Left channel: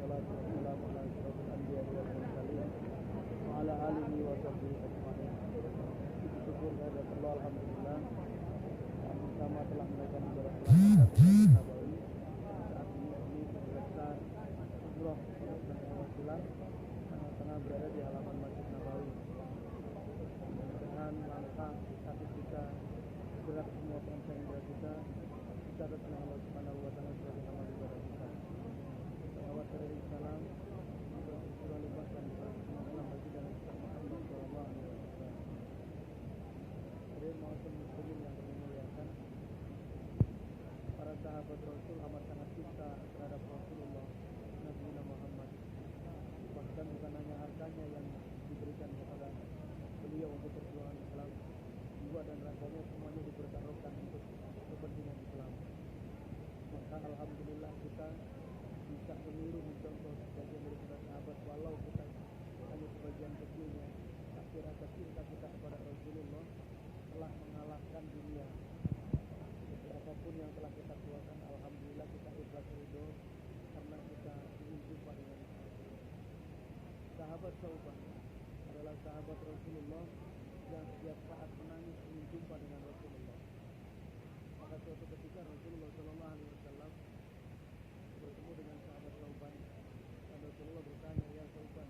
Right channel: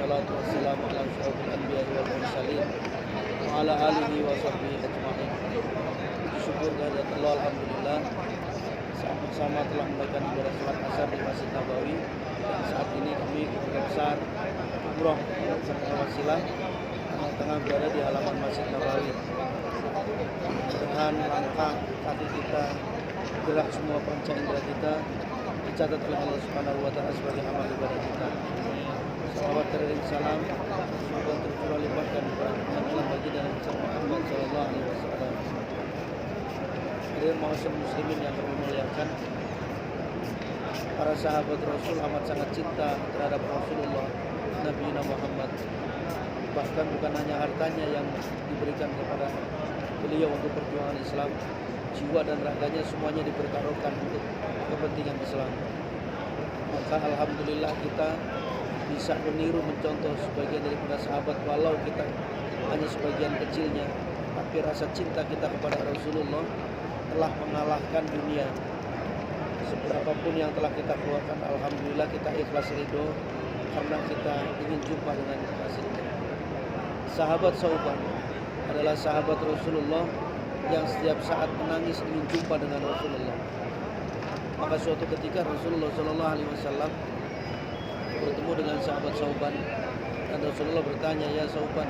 wassalatu wassalamu ala asyrofil anbiya'i wal mursalin wa ala alihi wa sahbihi ajma'in. Syukur kehadirat Allah, alhamdulillah, sama-sama telah melakukan ibadah salat asar di Masjid Nabawi, dan saat ini kami keluarga besar umroh bersama wasilah tengah berada di halaman Masjid Nabawi. Dengan langkah kaki kita, gerak semua panca indera kita dicatat oleh Allah Subhanahu wa taala sebagai amal ibadah kita. Salawat dan salam semoga tercurah limpahkan kepada Allah baginda Nabi Muhammad sallallahu alaihi wasallam. Hadirin ma'asyiral muslimin yang kami muliakan, para sahabat Rasul amat sangat cinta terhadap Rasulullah Nabi Muhammad. Bahkan bukan hanya hartanya yang diberikan kepada beliau untuk perjuangan Islam, jiwa dan raganya semuanya dipertaruhkan untuk kepentingan Islam. Maka alhamdulillah kita bisa meniru, mencontoh sebagian daripada sahabat, walau kita hanya sebagian kecilnya, tapi rasa cinta kita kepada Rasulullah telah mengalahkan dunia. Seberapapun yang telah kita keluarkan, alhamdulillah kita ikhlas ridho karena kita ingin jumpa dengan kekasihnya. Sahabat Sauban adalah sahabat Rasulullah yang setiap saat menangis ingin jumpa dengan Rasulullah. Maka suatu ketika Rasulullah Shallallahu Alaihi Wasallam bertemu dengan sahabat Sauban, dan Rasulullah bertanya, "Ya Sauban,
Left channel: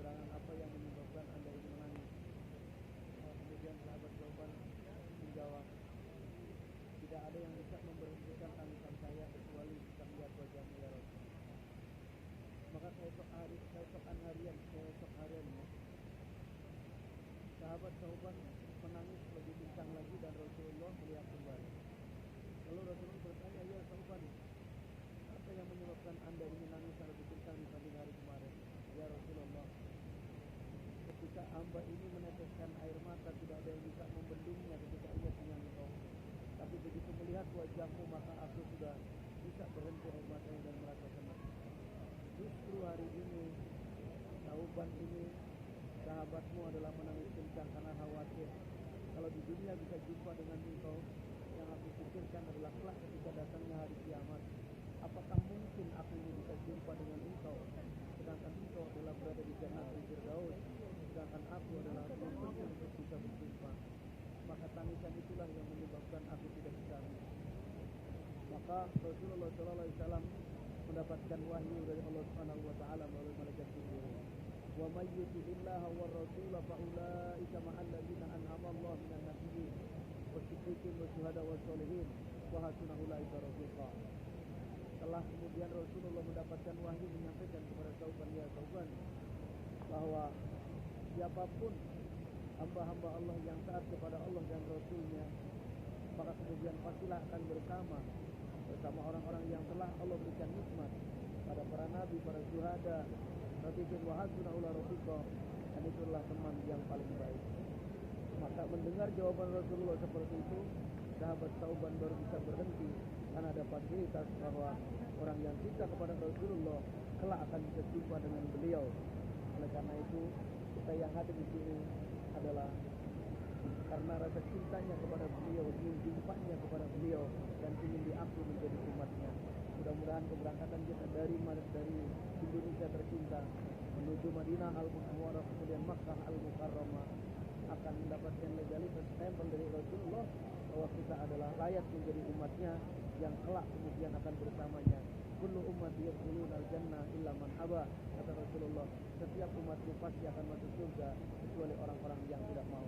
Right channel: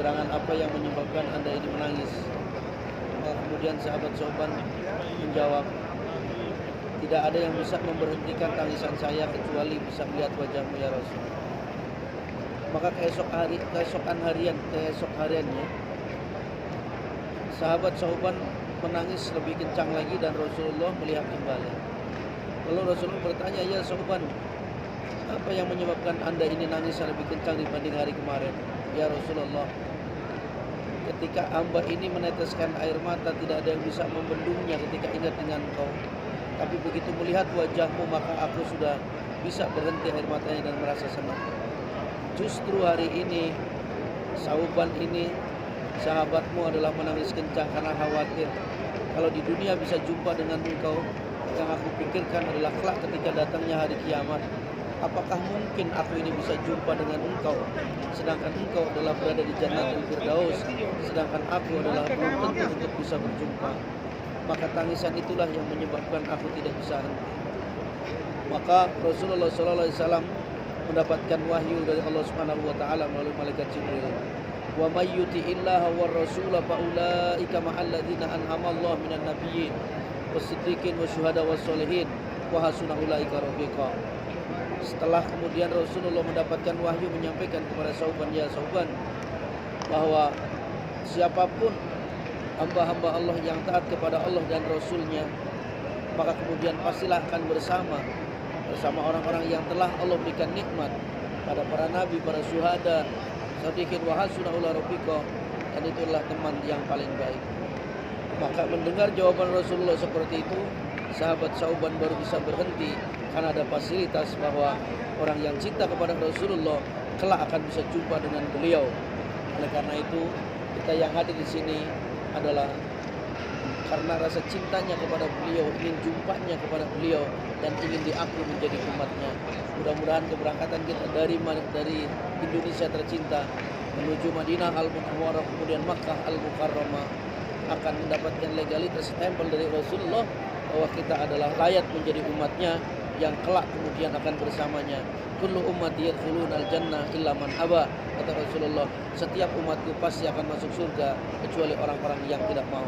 gerangan apa yang menyebabkan anda ini menangis?" Kemudian sahabat Sauban menjawab, "Tidak ada yang bisa memberhentikan tangisan saya kecuali bisa melihat wajahmu ya Rasul." Maka keesokan hariannya sahabat Sauban menangis lebih kencang lagi dan Rasulullah melihat kembali. Lalu Rasulullah bertanya, "Ya Sauban, apa yang menyebabkan anda ini nangis lebih kencang dibanding hari kemarin?" "Ya Rasulullah, ketika hamba ini meneteskan air mata tidak ada yang bisa membendungnya ketika ingat dengan engkau. Tapi begitu melihat wajahmu maka aku sudah bisa berhenti air matanya dan merasa senang. Justru hari ini Sauban ini sahabatmu adalah menangis kencang karena khawatir kalau di dunia bisa jumpa dengan engkau. Yang aku pikirkan adalah kelak ketika datangnya hari kiamat, apakah mungkin aku ini bisa jumpa dengan engkau, sedangkan engkau adalah berada di Jannatul Firdaus, sedangkan aku adalah belum tentu untuk bisa berjumpa. Maka tangisan itulah yang menyebabkan aku tidak bisa henti." Maka Rasulullah SAW mendapatkan wahyu dari Allah Subhanahu wa taala melalui malaikat Jibril. "Wa may yuti'illaha war rasula fa ulaika ma'al ladzina an'ama Allah minan nabiyyin was-siddiqin wasyuhada was-sholihin wa hasuna ulaika rafiqa." Setelah kemudian Rasulullah mendapatkan wahyu menyampaikan kepada Sauban, "Ya Sauban, bahwa siapapun hamba-hamba Allah yang taat kepada Allah dan Rasulnya, maka kemudian pastilah akan bersama orang-orang yang telah Allah berikan nikmat pada para nabi, para syuhada, shodiqin wa hasuna ulaika rafiqa, dan itulah teman yang paling baik." Maka mendengar jawaban Rasulullah seperti itu, sahabat Sauban baru bisa berhenti karena ada fasilitas bahwa orang yang cinta kepada Rasulullah kelak akan bisa jumpa dengan beliau. Oleh karena itu, kita yang hadir di sini adalah karena rasa cintanya kepada beliau, ingin jumpanya kepada beliau, dan ingin diaku menjadi umatnya. Mudah-mudahan keberangkatan kita dari Indonesia tercinta menuju Madinah Al-Munawwarah, kemudian Makkah Al-Mukarramah, akan mendapatkan legalitas stempel dari Rasulullah bahwa kita adalah layak menjadi umatnya yang kelak kemudian akan bersamanya. "Kullu ummati yadkhulunal jannah illa man aba," kata Rasulullah, "setiap umatku pasti akan masuk surga kecuali orang-orang yang tidak mau."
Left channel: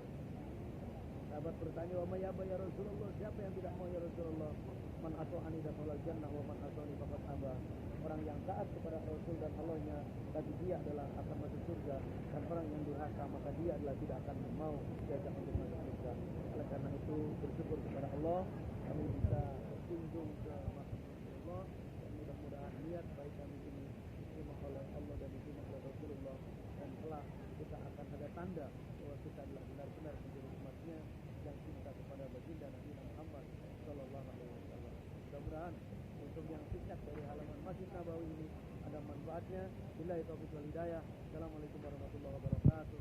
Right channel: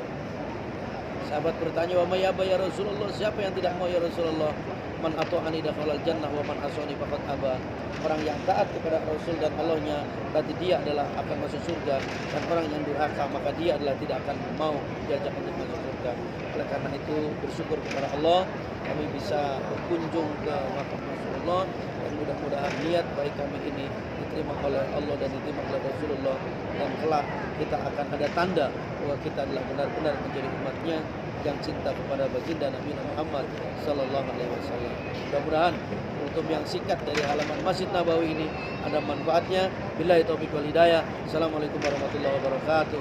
Sahabat bertanya, "Wa may yaba ya Rasulullah, siapa yang tidak mau ya Rasulullah?" "Man ata'ani dakhalal jannah wa man asani faqad aba." Orang yang taat kepada Rasul dan Allahnya berarti dia adalah akan masuk surga, dan orang yang durhaka maka dia adalah tidak akan mau diajak untuk masuk surga. Oleh karena itu bersyukur kepada Allah kami bisa berkunjung ke makam Rasulullah, dan mudah-mudahan niat baik kami ini diterima oleh Allah dan diterima oleh Rasulullah, dan kelak kita akan ada tanda bahwa kita adalah benar-benar menjadi umatnya yang cinta kepada baginda Nabi Muhammad sallallahu alaihi wasallam. Mudah-mudahan untuk yang singkat dari halaman Masjid Nabawi ini ada manfaatnya. Billahi taufiq wal hidayah. Assalamualaikum warahmatullahi wabarakatuh.